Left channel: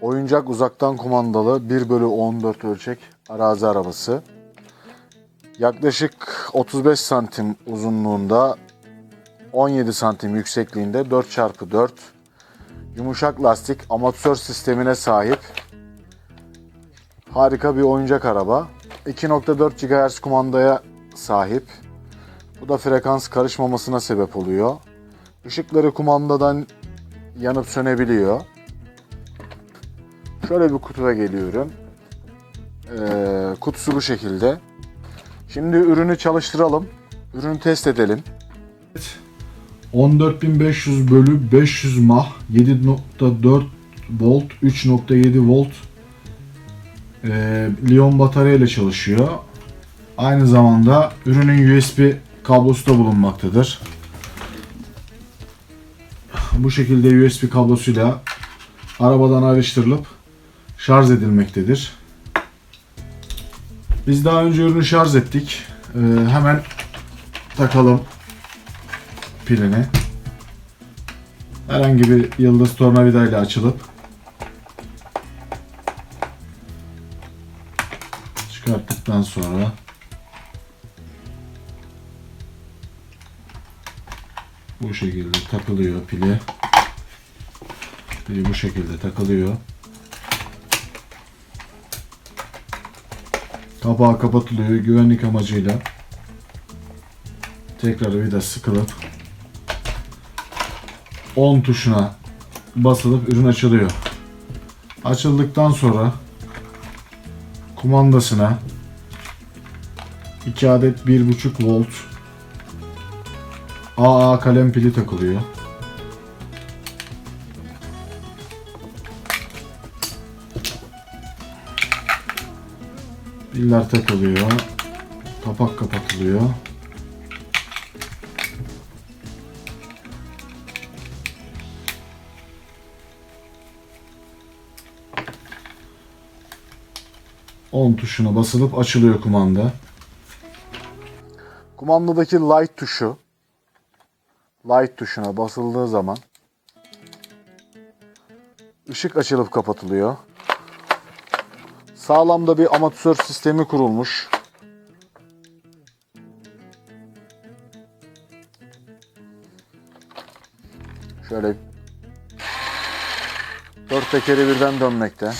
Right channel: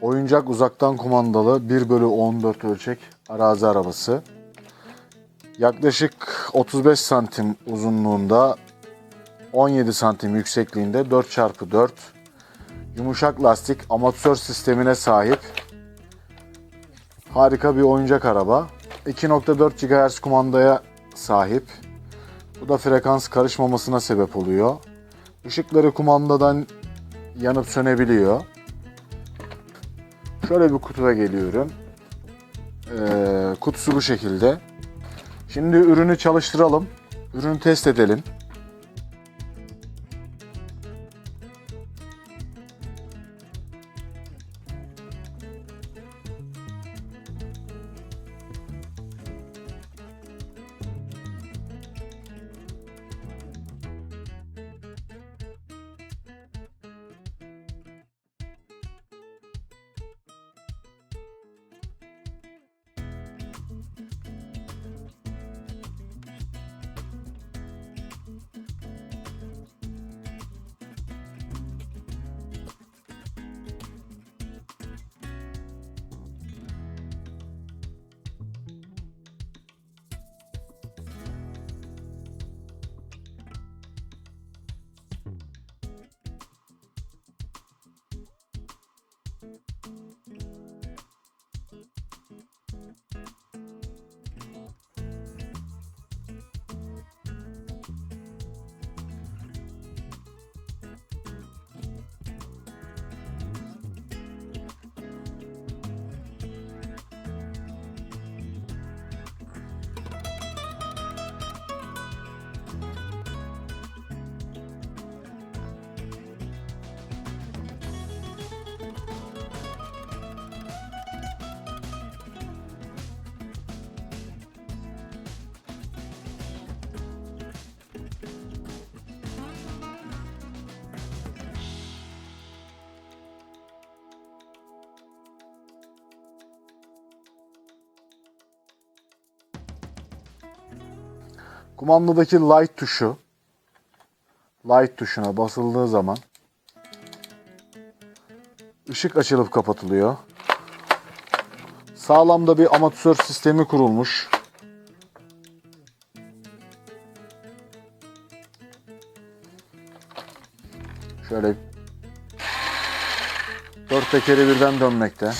Oyuncak uzaktan kumandalı 1 bölü 14 ölçek arazi arabası. Yaklaşık 35 santim uzunluğunda 17 santim yüksekliğinde 4x4 yumuşak lastik amatör sistemine sahip harika bir oyuncak araba. 2.4 GHz kumandaya sahip. Bu da frekans karışmamasına sebep oluyor. Işıkları kumandadan yanıp sönebiliyor. Şöyle bir kutuya geliyorum. Ee, kutusu bu şekilde. Şimdi ürünü çalıştıralım. Ürünü test edelim. 14500 bölü 500 mah 7.4 volt 3.7 volt e, Lion batarya ile çalışıyor. Aynı zamanda ürünün USB kablosu da bulunmaktadır. Bu şekilde USB kablosuyla arabadan ayrıştırılıp şarj edilmektedir. Biz daha önce ürünü şarj ettik. E, hemen takalım pilini. Herhangi bir yıldız tornavida ile açılıp çıkarttıktan sonra bu şekilde takılıyor pili. Pili bu şekilde takılıyor. Kapağı kapatılıyor güvenlik amacıyla. Tekrar vida sıkılıp 10 tuşuna basılıp ürün açılıyor. Açıldıktan sonra kumandasına 2 adet 1.5 volt AA kalem pili takılıyor. Piller takılıyor. Kapak kapatılıyor. On tuşuna basılıp açılıyor kumanda. Kumandadaki light tuşu light tuşuna basıldığı zaman ışık açılıp kapatılıyor. Sağlamda bir amatör sistemi kurulmuş. Şöyle dört tekeri birden dönmekte.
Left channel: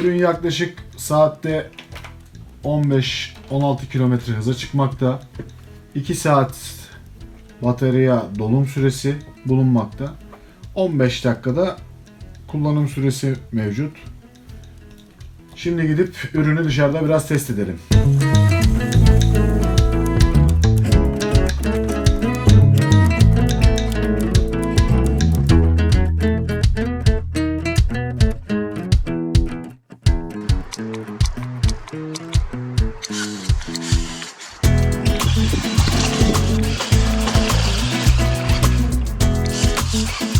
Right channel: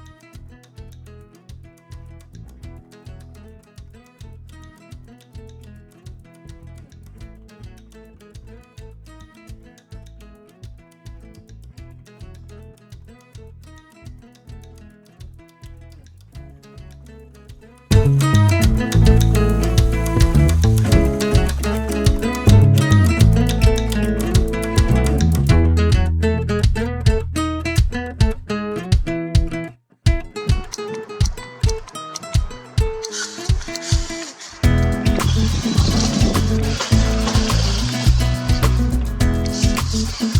Ürün yaklaşık saatte 15-16 kilometre hıza çıkmakta. 2 saat batarya dolum süresi bulunmakta. 15 dakikada kullanım süresi mevcut. Şimdi gidip ürünü dışarıda biraz test edelim. eat healthy.